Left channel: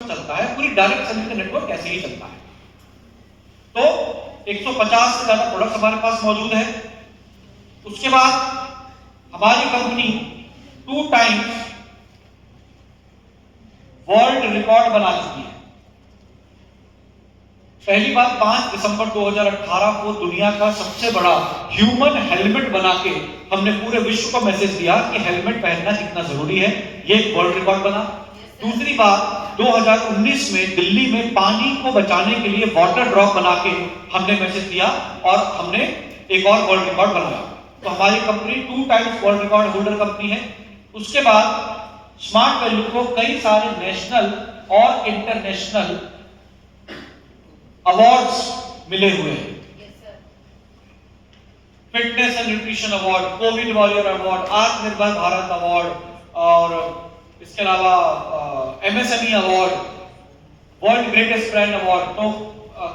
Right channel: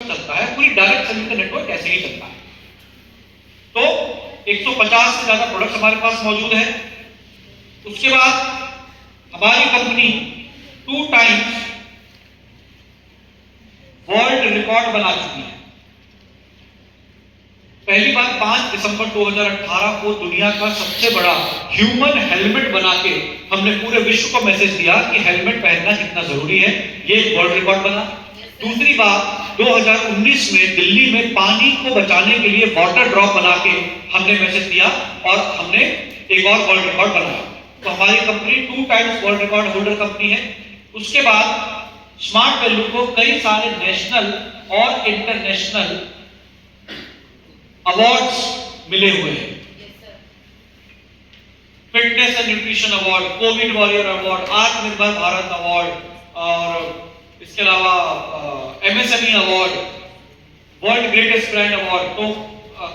चलता है, पूरी डायरेक्ट सेलिंग का नेटवर्क ऐसे ही चलता है। तो 150 से ज्यादा प्रोडक्ट्स हमारे पास मौजूद है। उसके बाद हमारी कंपनी 2 टाइम्स वर्ल्ड रिकॉर्ड बना चुकी है। पहली बार 5 दिसंबर 2018 को दुनिया का सबसे बड़ा ह्यूमन हेलमेट बना के हमने पूरे विश्व को मैसेज दिया कि हेलमेट पहनना कितना जरूरी है, ये वर्ल्ड रिकॉर्ड बना। दूसरी बात 2019 में दिल्ली में पानी को बचाने के लिए वाटर ड्रॉप बना के हमने मैसेज दिया और हमने एक और वर्ल्ड रिकॉर्ड बनाया। तो हमारी company 2 times world record holder company है। उसके बाद स्मार्ट वैल्यू को कई सारे नेशनल और इंटरनेशनल अवार्ड्स मिले हुए हैं। Fitness and nutrition award, Covid warrior award, आत्मनिर्भर भारत अवार्ड और इसके अलावा MSME award, world greatest brand award. तो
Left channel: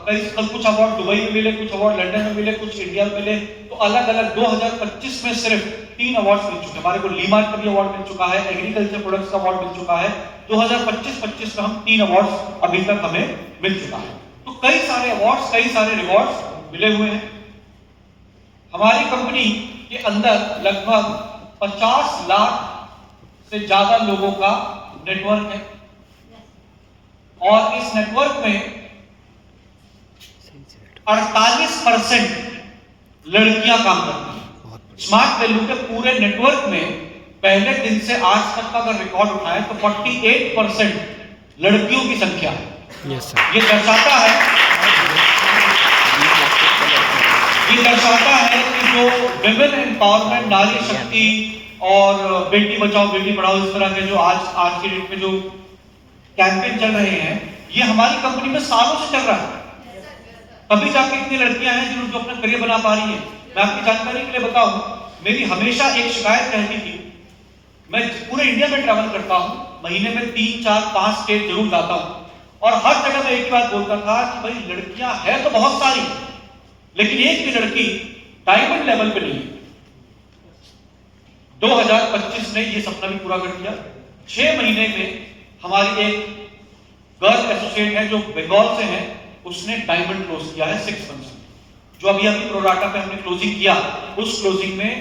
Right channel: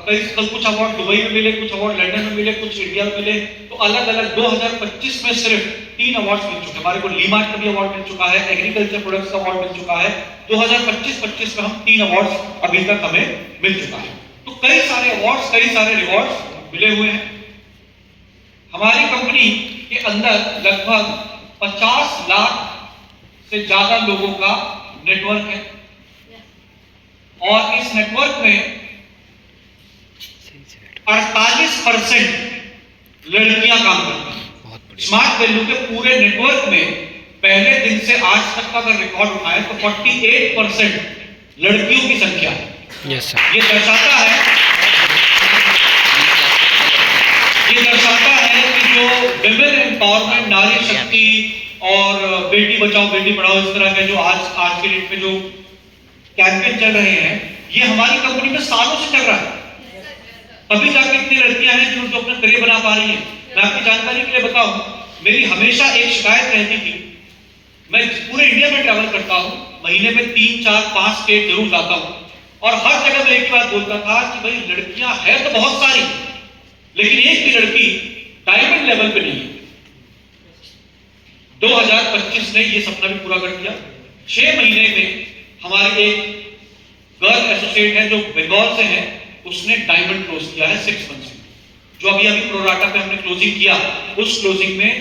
कई कुछ अवार्ड दुबई में मिले, कुछ अवार्ड लंदन में मिले, कुछ इंडिया में मिले। तो अलग अलग 2025 में सिर्फ 3 अवार्ड्स मिल चुके हैं। हमारे को लीमार्ट का भी अवार्ड मिल चुका है, एग्रीकल्चर प्रोडक्ट्स का अवार्ड मिल चुका है। 2025 में हम 3 अवार्ड्स अभी तक हमें मिल चुका है। तो कई सारे अवार्ड्स, कई सारे रिवॉर्ड्स मिले हुए हैं। हमारी कंपनी के अंदर लगभग 50 लाख से ज्यादा लोगों का नेटवर्क है और इस नेटवर्क में 48% लड़कियां काम करती हैं। स्मार्ट वैल्यू के पूरे नेटवर्क में पहले दिन से आज तक का अगर रिकॉर्ड उठाएं तो 48% लड़कियों की संख्या है। Yes sir. ये दर्शाता है कि जो विमेन एम्पावरमेंट, नारी शक्ति और बेटी बचाओ बेटी पढ़ाओ, इस तरह के जो आज के डेट में जो कैंपेन चल रहे हैं, ये हमारी कंपनी में सालों से चल रहा है। तभी जाके इतनी लड़कियां हैं जो अपना करियर बना पा रही हैं। मैं आपकी जानकारी के लिए बताऊं, मेरी हमेशा एक शिकायत रहती थी। मैं पूरे इंडिया में ट्रैवल करता हूं, महीने में 3, 4, 5 स्टेट जरूर जाता हूं और हर जगह मैं एक ही बात बोलता था कि भाई लड़कियां हैं तो बहुत सारी, लेकिन एक भी लड़की डायमंड लेवल पे नहीं है। 2025 ने ये सपना भी पूरा कर दिया। 6 महीने में हमारी एक गर्ल एसोसिएट है जो बंगाल से है, उसने डायमंड क्लोज किया है 6 मंथ्स में। जो अभी प्रोराटा पे हमने क्लोजिंग किया, उस क्लोजिंग में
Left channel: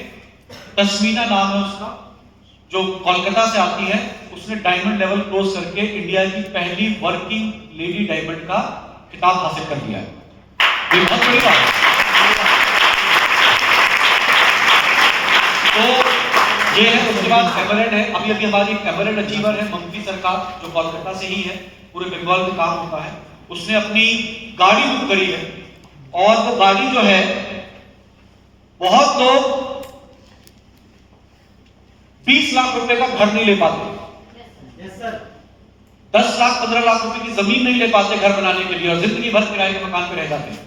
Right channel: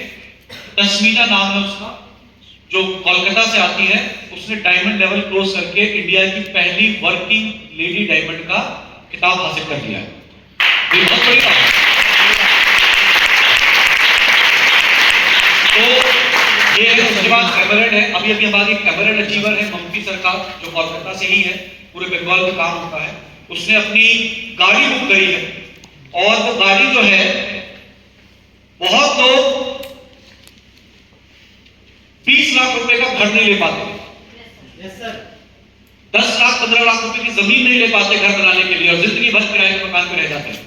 तस्मीना नाम है उसका, जो कोलकाता से आती है, उसने डायमंड लेवल क्लोज करके इंडिया की पहली वर्किंग लेडी डायमंड का खिताब हासिल कर लिया है। तो ये है। उसके बाद एमरेल्ड है। अभी हमारी एमरेल्ड अचीवर है ममती सरकार, जो कोलकाता से ही है, पूरे बंगाल में काम होता है। उसने अपनी गाड़ी बुक करी है और वो गाड़ी जो है, बहुत लोग 20 लाख रुपए का घर नहीं ले पाते, 10 लाख 15 लाख रुपए की जमीन नहीं ले पाते घर बनाने के लिए और जिंदगी भर किराए के मकान पे रह जाते हैं।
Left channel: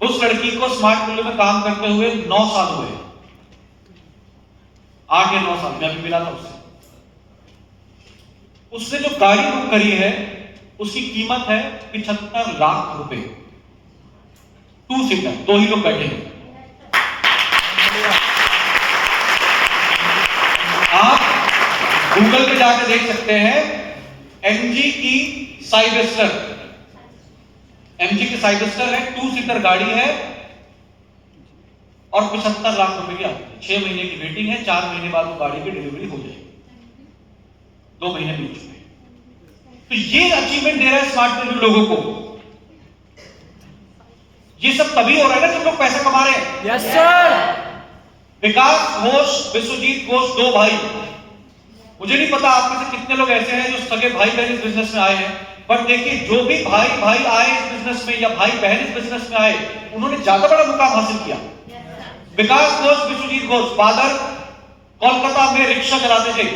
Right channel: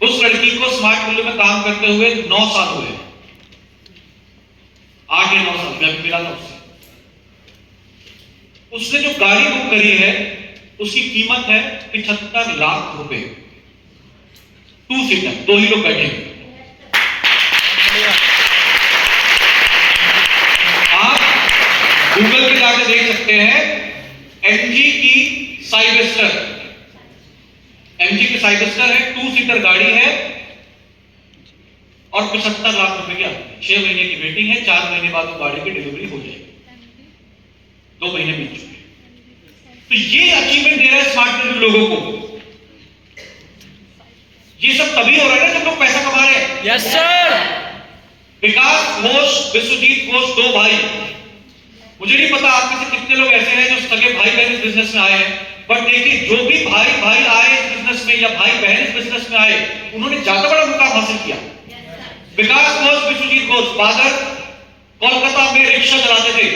उस लड़की को स्मार्ट वैल्यू में काम करते हुए 9 साल हुए, 8 या 9 साल मैं मिला था उससे। उसने जो गाड़ी बुक करी है उसकी कीमत है 75 लाख रुपए, 2 सीटर, 2 ही लोग बैठे हैं। आप गूगल पे जाकर देख सकते हैं, MG की साइबस्टर, MG की साइबस्टर है, 2 सीटर गाड़ी है और 75 लाख रुपए की आती है। 6 महीने की वेटिंग है, 4 महीने बाद वो गाड़ी की डिलीवरी हो जाएगी। 2 महीने बीत चुके हैं। तो ये अचीवमेंट दे रहा है स्मार्ट वैल्यू लोगों को। ये सब तभी हो रहा है ना जब लोग पैसा कमा रहे हैं। Yes sir. विकास घोष, विश्वजीत घोष, 2 भाई। मुझे नहीं पता आप में से कितने लोग ऐसे हैं जो सगे भाई बहन इस बिजनेस में आए हैं, बट देखिए जो भी भाई भाई आए इस बिजनेस में या भाई बहन इस बिजनेस में आए, उन्होंने ज्यादा बड़ा मुकाम हासिल किया। विकास घोष, विश्वजीत घोष, फादर कोलकाता में रिक्शा चलाते थे,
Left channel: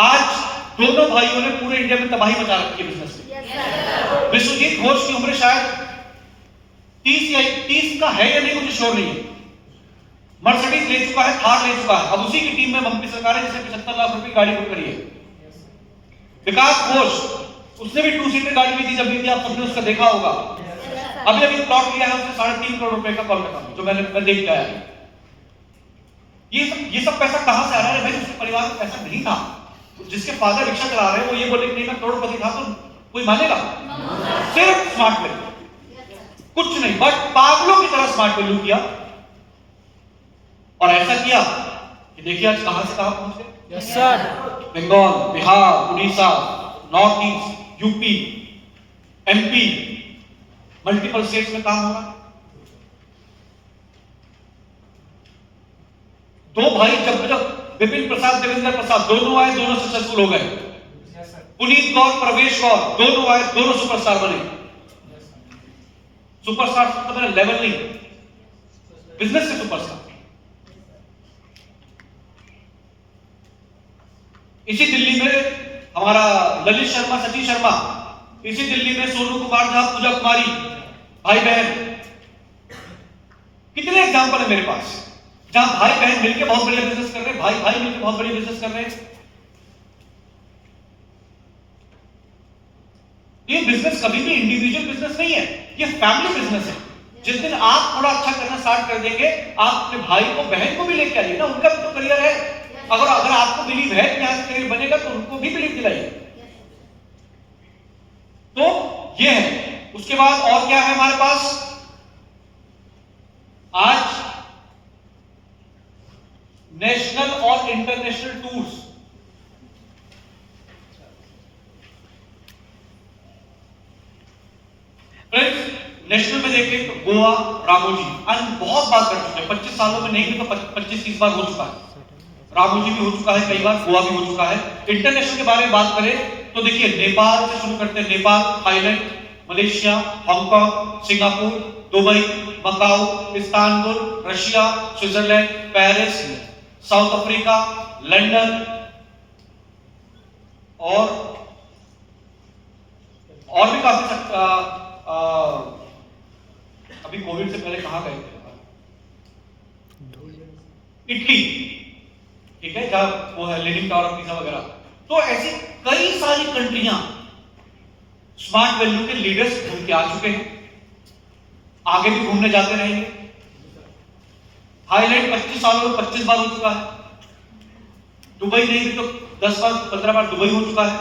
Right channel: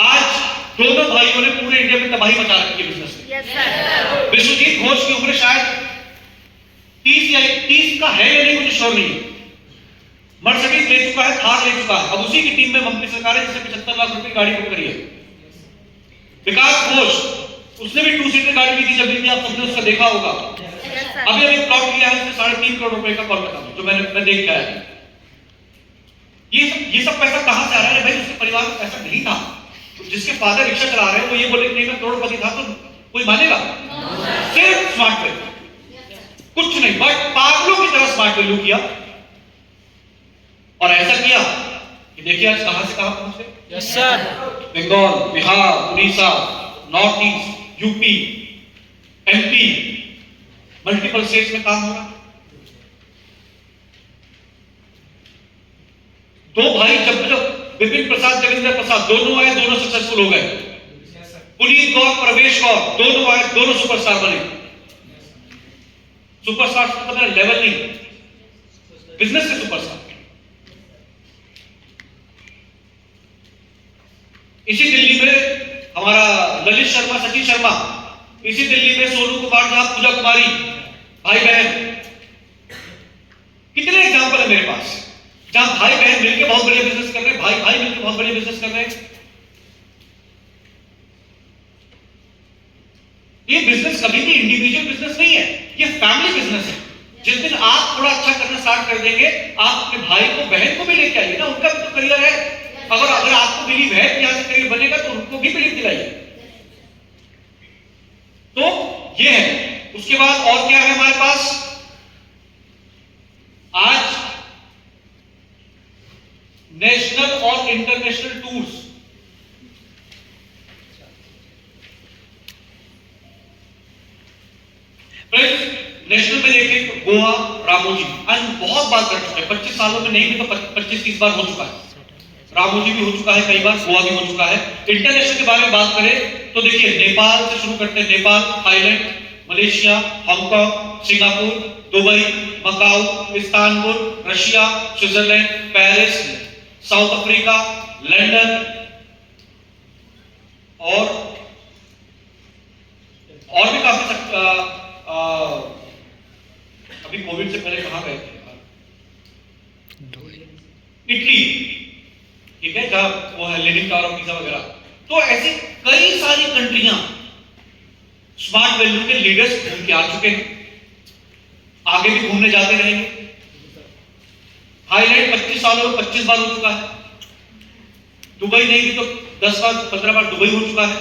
आज दोनों भाइयों ने पूरे इंडिया में तबाही मचा रखी है बिजनेस में। विश्वजीत घोष की उम्र शायद 30 का है या नहीं मुझे श्योर नहीं। मर्सिडीज ले चुका है, थार ले चुका है। अब उसी की टीम में ममती सरकार है जिसने 75 लाख रुपए की गाड़ी बुक करी है। विकास घोष, उसने भी 2 सीटर गाड़ी ली थी जब भी, आप सबने उसका देखा होगा। अभी प्लॉट लिया है उसने 3.5 करोड़ रुपए का कोलकाता में, जो मैं देख के आया। ये सब पैसा कहां से आ रहा है भाई? उसके परिवार में पैसा नहीं था, जिसके फादर रिक्शा चला रहे हैं वो ये बोले नहीं मैं करोड़पति था, तो कोई मानेगा? सिर्फ स्मार्ट वैल्यू, कुछ नहीं, बट पागलों की तरह स्मार्ट वैल्यू किया। और ऐसा किया कि देखिए आज कहां से कहां पहुंचे। Yes sir. Bengal, Bihar, Orissa, north east, UP, MP, multiple states में काम हो रहा। दो भाई जब विपिन प्रसाद, जगेंद्र प्रसाद दोनों आए, दोनों सक्सेसफुल हो गए। पुनीत गौर, प्रवेश गौर दोनों आए, दोनों सुपरस्टार बने। सुपरस्टार मतलब लेवल नहीं, बिजनेस के सुपरस्टार। इसी दिल्ली में हमारा ललित शर्मा, सचिन शर्मा, इसी दिल्ली में सोनू कुमार झा, पूजा कुमारी, भाई बहन। कितने एग्जाम्पल है मेरे पास जहां भाई बहन मिलकर बहुत बड़े बिजनेस कर रहे हैं, भाई भाई मिलकर बहुत बड़े बिजनेस कर रहे हैं। ये बिजनेस कभी भी इंडिविजुअल बिजनेस नहीं है, ये फैमिली बिजनेस है। जिस दिन आप थोड़ा अच्छा करना स्टार्ट कर देंगे, आप अपने भाई को, बहन को भी लेके आइए ना, उनका भी तो करियर है। अगर आपको बिलीव है कि यहां से करियर बनेगा तो उनको भी बिलीव दिलाइए। तो ये है। उसके बाद और क्या है हमारे पास? आज नेशनल और इंटरनेशनल टूर्स, नेशनल में देखें तो गोवा, रामोजी, आज बहुत बार कर चुके हैं, 25 सालों में नहीं भी तो 25-30 बार हो चुका है। रामोजी भी हो चुका है कई बार, गोवा भी हो चुका है। इंटरनेशनल के बारे में बात करें तो देखिए नेपाल से शुरू करते हैं। Nepal, Thailand, Malaysia, Hong Kong, Singapore, Dubai, Macau, Istanbul, Russia, Switzerland, Paris, south Africa, London और भी काफी अभी कोविड से पहले कहां गए थे? इटली, ठीक है, जहां वो है लीडिंग टावर ऑफ पिज़ा वगैरह। तो ऐसी कई सारी कंट्रियां स्मार्ट वैल्यू के लीडर्स घूम के आ चुके हैं, आगे भी घूमने जाते रहेंगे। थाईलैंड 25 सालों में 25 बार हो चुका है। दुबई नहीं भी तो 10 बार 15 बार दुबई हो चुका है।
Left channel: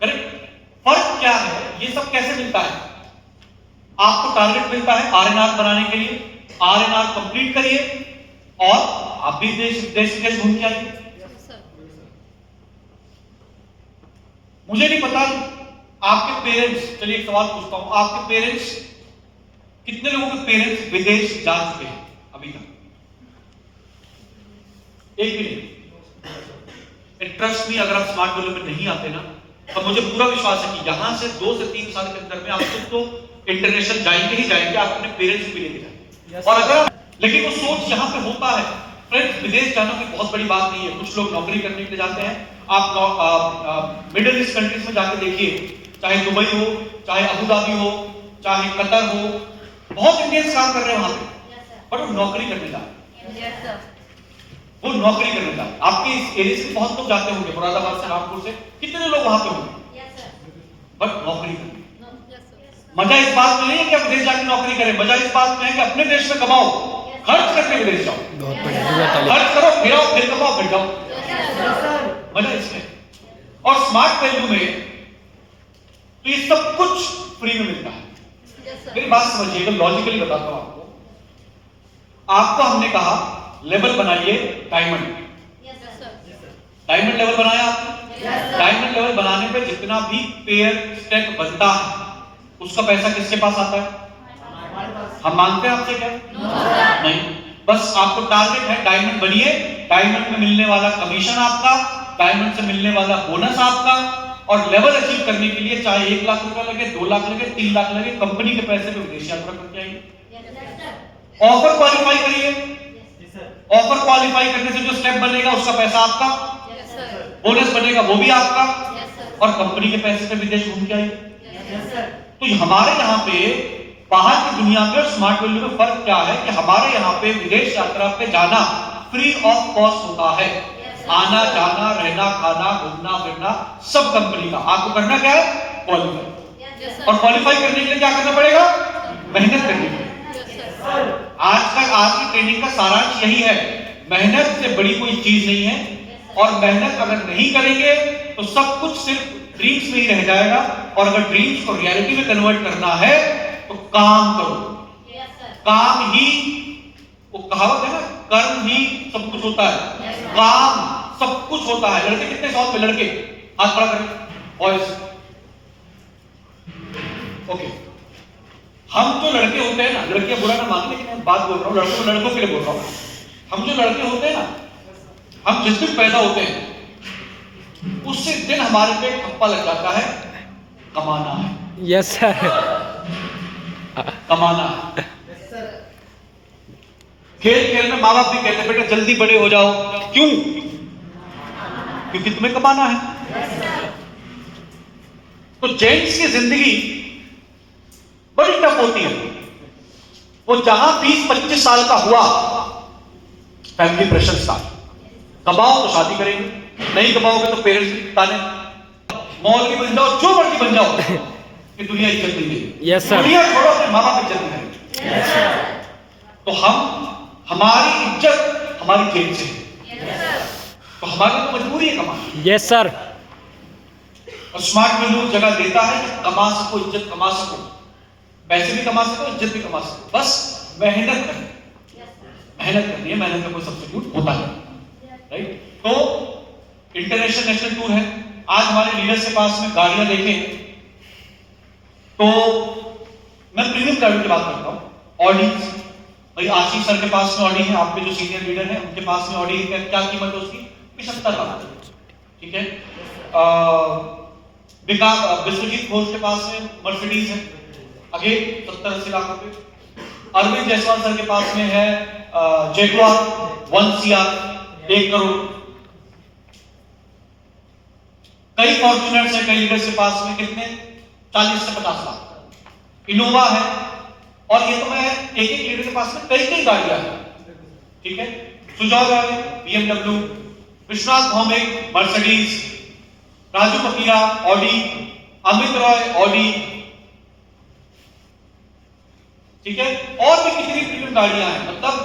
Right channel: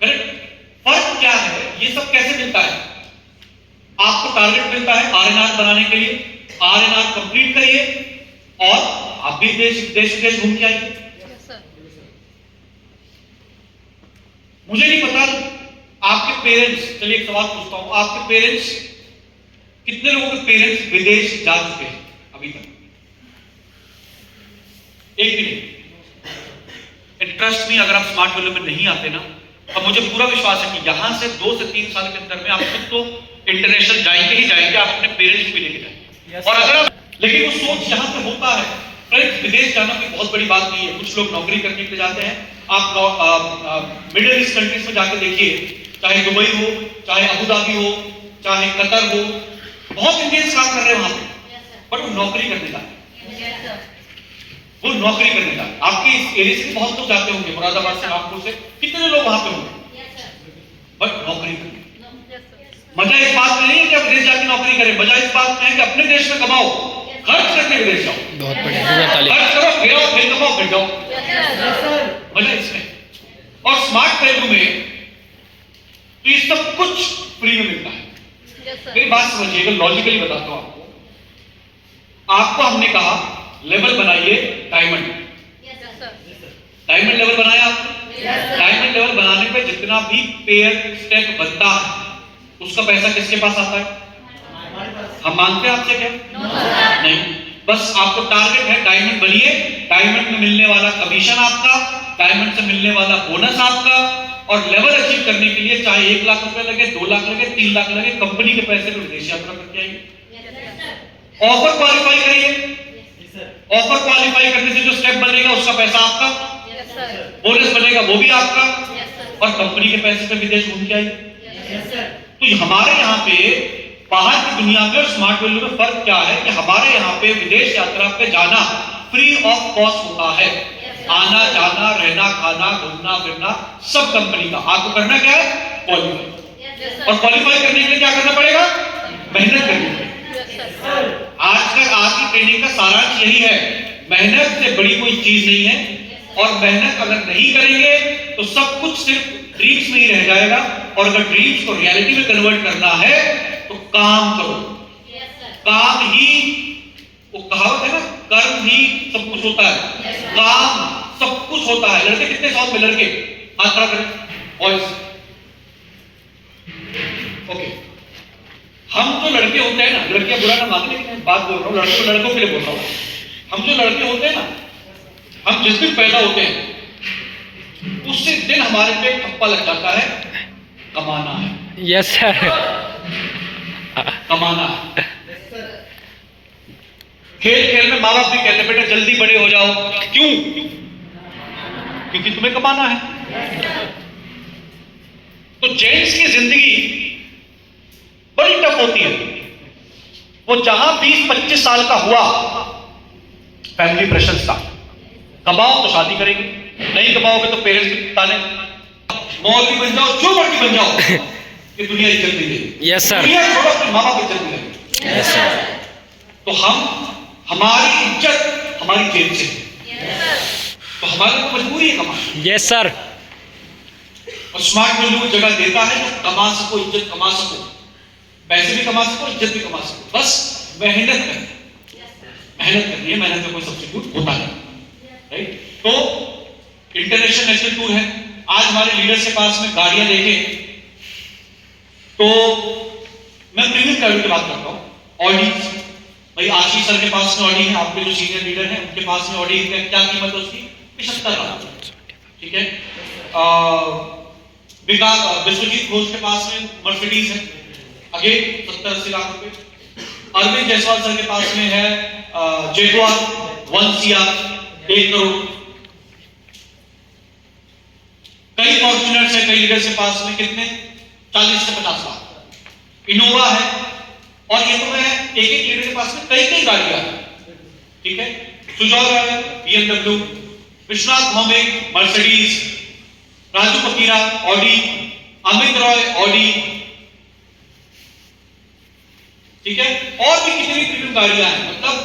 करेक्ट? फर्क क्या है? ये सब कैसे मिलता है? आपको टारगेट मिलता है आरएनआर बनाने के लिए, आरएनआर कंप्लीट करिए और आप भी देश विदेश घूम के आइए। मुझे नहीं पता आपके पेरेंट्स, चलिए एक सवाल पूछता हूं, आपके पेरेंट्स, कितने लोगों के पेरेंट्स विदेश जा चुके हैं अभी तक? एक भी नहीं। इंटरेस्ट नहीं, अगर आप स्मार्ट वैल्यू में नहीं आते ना, तो मुझे पूरा विश्वास है कि यहां से 2 से 3 साल के अंदर में आप खुद तो इंटरनेशनल जाएंगे ही जाएंगे, आप अपने पेरेंट्स को भी लेके जाएंगे। और अगर लेकिन वो सोच यहां पे होता है। फ्रेंड्स, विदेश जाना कोई बहुत बड़ी बात नहीं है। कुछ लोग नौकरी करने के लिए जाते हैं। आप मिडिल ईस्ट कंट्रीज में जाके देखिए, चाहे दुबई हो, चाहे अबू धाबी हो, चाहे कतर हो, बहुत इंडियंस काम कर रहे हैं वहां पे, बट वो नौकरी करने जाते, वो नौकरी करने जाते। आपके इस एरिया से बहुत लोग जाते होंगे, मुरादाबाद से, रामपुर से, कितने लोग वहां पे होंगे, बट नौकरी करने। मजा इस बात में नहीं है कि आप विदेश जाके नौकरी करें, मजा इस बात में है कि अपने देश में कमाओ, खर्च करके विदेश जाओ। बहुत बढ़िया, खर्च करो, फिर आओ, फिर कमाओ, फिर जाओ, मजा इसमें। और स्मार्ट वैल्यू में तो ये सब कुछ फ्री में मिलता है। मेरी बात समझिएगा, लॉजिकली बताता हूं आपको हमने कहा लेवल बनाइए डायमंड। डायमंड लेवल बनाया आपने। डायमंड लेवल बनाने पे जितना भी पेयर स्टेप बनता है उसका पैसा किसके पास आता है? हम मांगते हैं आपसे क्या? नहीं, बस आपको टारगेट है डायमंड बनिए, डायमंड में मिलने वाला कमीशन आपका, डायमंड से मिलने वाला बोनस आपका, और लेवल अचीव करने के लिए चाहे 1 लाख रुपए लगे, 2 लाख लगे, 3 लाख लगे, कंपनी के पैसे में विदेश यात्रा करके आएंगे। ऑफर क्वालिफाई करिए, ऑफर क्वालिफाई करने से जो स्टेप बनेगा उसका पैसा आपका, बोनस बनेगा वो भी आपका, और कंपनी के पैसे पे विदेश घूम के आएंगे। तो हमारे यहाँ पे बाहर की दुनिया में और स्मार्ट वैल्यू में फर्क क्या है कि हमारे यहाँ पे विदेश यात्रा पे जाना फ्री ऑफ कॉस्ट होता है। आना जाना रहना खाना घूमना फिरना सब कंपनी का। आपको करना क्या है? क्वालिफाई। और क्वालिफाई करने के लिए क्या करना पड़ेगा? मेहनत करनी पड़ेगी। आज की ट्रेनिंग का सारांश यही है, मेहनत से बड़ी कोई चीज नहीं है, और मेहनत अगर नहीं करेंगे तो सब कुछ सिर्फ ड्रीम्स में ही रह जाएगा। और अगर ड्रीम्स को रियलिटी में कन्वर्ट करना है तो काम करो। काम ही, वो कहावत है ना, कर्म ही सब कुछ होता है, काम सब कुछ होता है। लड़के कितने शौक में, लड़के हाथ खड़ा करें, बॉयज। ओके, हम जो लड़के होते हैं ना, लड़के बुरा ना माने लेकिन मैं बात बोल रहा हूँ लड़कों के लिए बोल रहा हूँ। हम जो लड़के होते हैं ना, हम जिस दिन पैदा होते हैं उसी दिन हमारे पे ठप्पा लग जाता है, कमाना है। Yes sir. कमाना है। खेल खेल में माँ बाप भी कहते हैं बेटा जल्दी बड़े हो जाओ। क्यों? क्योंकि तुम्हें कमाना है। तो जेंट्स की जिंदगी बड़ी टफ होती है। वो जहां 20-25 साल का हुआ, फैमिली प्रेशर था, कमाओ तो शादी करेंगे, नहीं कमाओगे तो पेरेंट्स भी ताने, मौलवी बन जाओ, जो मर्जी बन जाओ, ये दुनिया इज्जत नहीं देगी। Yes sir. दुनिया छोड़ो, अपने माँ बाप इज्जत नहीं देगी। Yes sir. तो हमारी इज्जत हमारी जेब से है, तो हमारी मजबूरी है कमाना। Yes sir. और स्मार्ट वैल्यू जगह देता है, कमा सको, इज्जत कमा सको, पैसे भी कमा सको, इज्जत भी कमा सको, बस मेहनत करनी, मेहनत करनी है। मेहनत का कोई सब्स्टिट्यूट होता नहीं, राइट? तो इंटरनेशनल नेशनल टूर है। आज हमारे लीडर्स के पास में गाड़ियां देखें तो मैं प्रीमियम गाड़ियों की बात करता हूँ। ऑडी, भाई आशीष सर के पास में ऑडी है, आपके जो सीनियर लीडर है उनके पास में ऑडी है। क्या कीमत है उसकी? 75 लाख। ठीक है। विश्वजीत घोष के पास में मर्सिडीज है, आगे 70-80 लाख रुपए। अरविंद जायसवाल सर के पास में है जेगुआर 1 CR 1 करोड़। कई फॉर्च्यूनर्स है, कई लीडर्स के पास में कितने 40 से 50 लाख। इनोवा है, और ये तो मैं एक लीडर के पास में कई गाड़ियां हैं। ठीक है। सुजाव है BMW, विश्वनाथ भौमिक मर्सिडीज, राजू फकीरा ऑडी, अमित रॉय ऑडी। ठीक है। और भी कितनी प्रीमियम गाड़ियां हैं। मतलब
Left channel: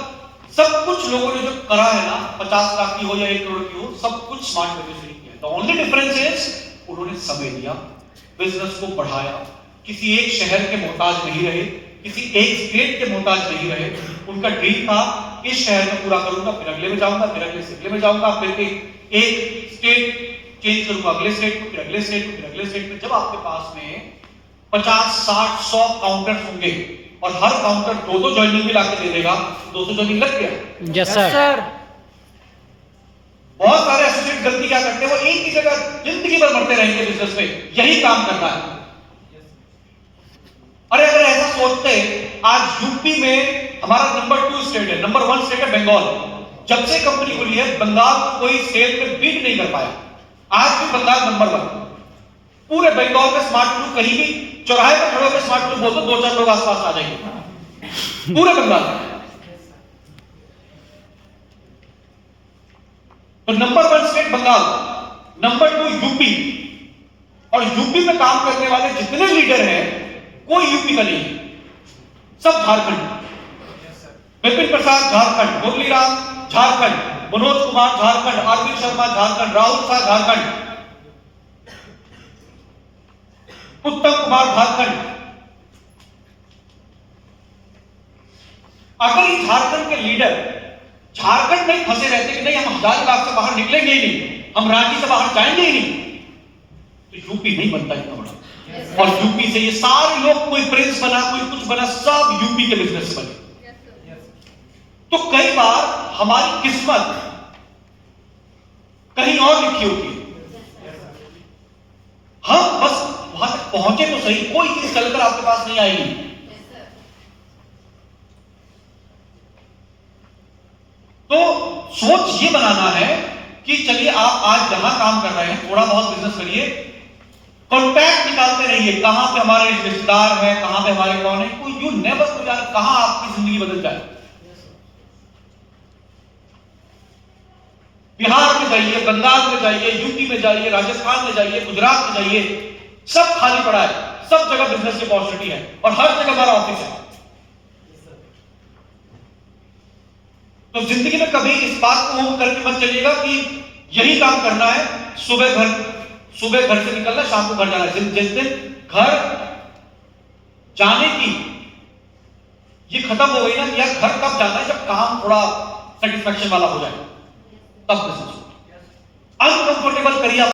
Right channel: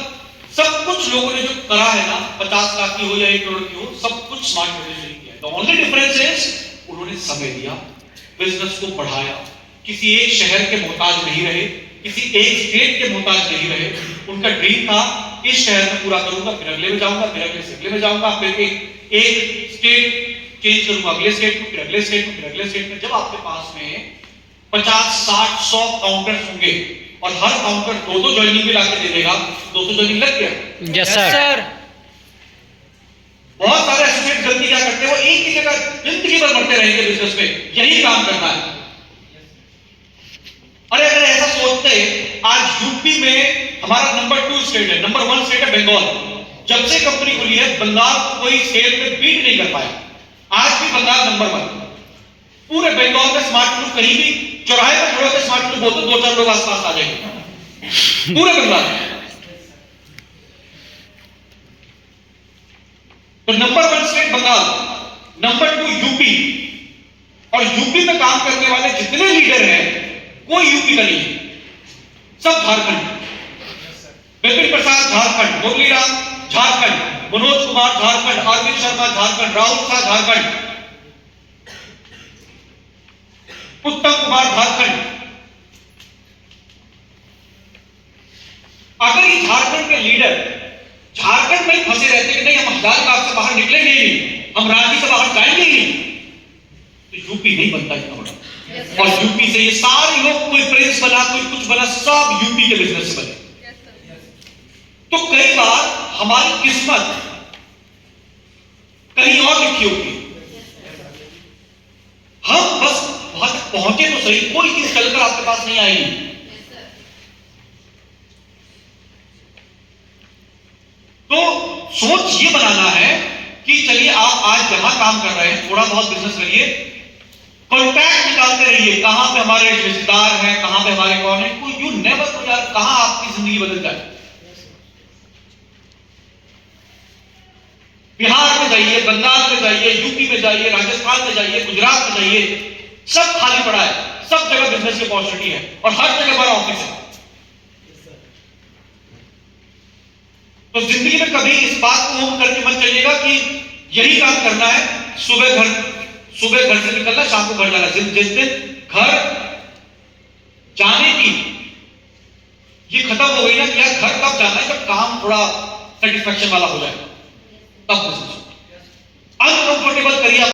सब कुछ लोगों ने जो करा है ना, 50 लाख की हो या 1 करोड़ की हो, सब कुछ स्मार्ट मैनेजमेंट किया। द ओनली डिफरेंस इज उन्होंने समय दिया, बिजनेस को बढ़ाया, किसी एक शहर के मोहताज नहीं रहे, किसी एक स्टेट के मोहताज नहीं रहे। उनका ड्रीम था इस शहर में पूरा करूंगा, फिर अगले में जाऊंगा, फिर अगले से अगले में जाऊंगा, फिर एक स्टेट चेंज करूंगा, अगले स्टेट में, फिर अगले स्टेट में, फिर अगले स्टेट में। जब आपके पास में 50, 60, 100 काउंटर्स होंगे और हर काउंटर 2-2 ज्वाइनिंग भी लाके दे देगा, 200 ज्वाइनिंग लग गया। Yes sir. बहुत सारे एसोसिएट गलती क्या करते हैं, वो एक ही जगह जिंदगी भर मरते रहेंगे बिजनेस में, यही काम करना है। अरे अगर ऐसा सोचते, आज यूपी में हमारा नंबर 2 स्टेट है, नंबर 1 स्टेट है बंगाल। जब से कंपनी खुली है बंगाल कोई सेल में बीट नहीं कर पाया। आज भी बंगाल नंबर 1। पूरे बंगाल में स्मार्ट प्रूफ कहीं भी चौराहे पर खड़े होकर स्मार्ट प्रूफ बोलते 2-4 लोग आसपास आ जाएंगे पूरे बंगाल। तो number 1 state Bengal, number 2 UP. और यूपी में काम करने वाले जितने लीडर हैं कोई यूपी का नहीं, सब झारखंड। विपिन प्रसाद झारखंड, मुरलीराम झारखंड, मनोज कुमार झारखंड, अरविंद शर्मा झारखंड, राहुल शाह झारखंड, उत्तम कुमार झारखंड। अगर ये झारखंड के लीडर झारखंड में फंसे रहते कि नहीं हम हजारीबाग से बाहर निकलेंगे ही नहीं, हम रांची से बाहर जाएंगे ही नहीं, तो यूपी नहीं बनता इतना। और यूपी से ये सारे लोग, कोई प्रिंस बना, कोई कुछ बना, सब यूपी के बिजनेस बने। तो कई बार हमारी किस्मत कहीं और लिखी होती है, हम बस वहां तक पहुंचे तो सही, कोई चीज चलकर आपके पास नहीं आएगी। तो सोच ये बनाना है कि चलिए आप आज जहां काम कर रहे हैं थोड़ा बहुत बिजनेस करिए, कॉन्टैक्ट निकालते रहिए, कहां पे हमारे रिश्तेदार हैं, कहां पे हमारे कौन है, कोई यू नेवर नो यार कहां आपकी जिंदगी बदल जाए। बिहार में जाइए, बंगाल में जाइए, यूपी में जाइए, राजस्थान में जाइए, गुजरात में जाइए, सब खाली पड़ा है, सब जगह बिजनेस की अपॉर्चुनिटी है और हर जगह हमारा ऑफिस है। तो जिंदगी में कभी इस बात को हम करके मत चलिएगा कि यही काम करना है, सुबह घर से निकलना, शाम को घर जाना। जिस दिन घर जाने की ये खत्म हो गई ना कि यार घर कब जाना है, जब काम थोड़ा सेटिस्फेक्शन वाला हो जाए, तब अनकंफर्टेबल करिए।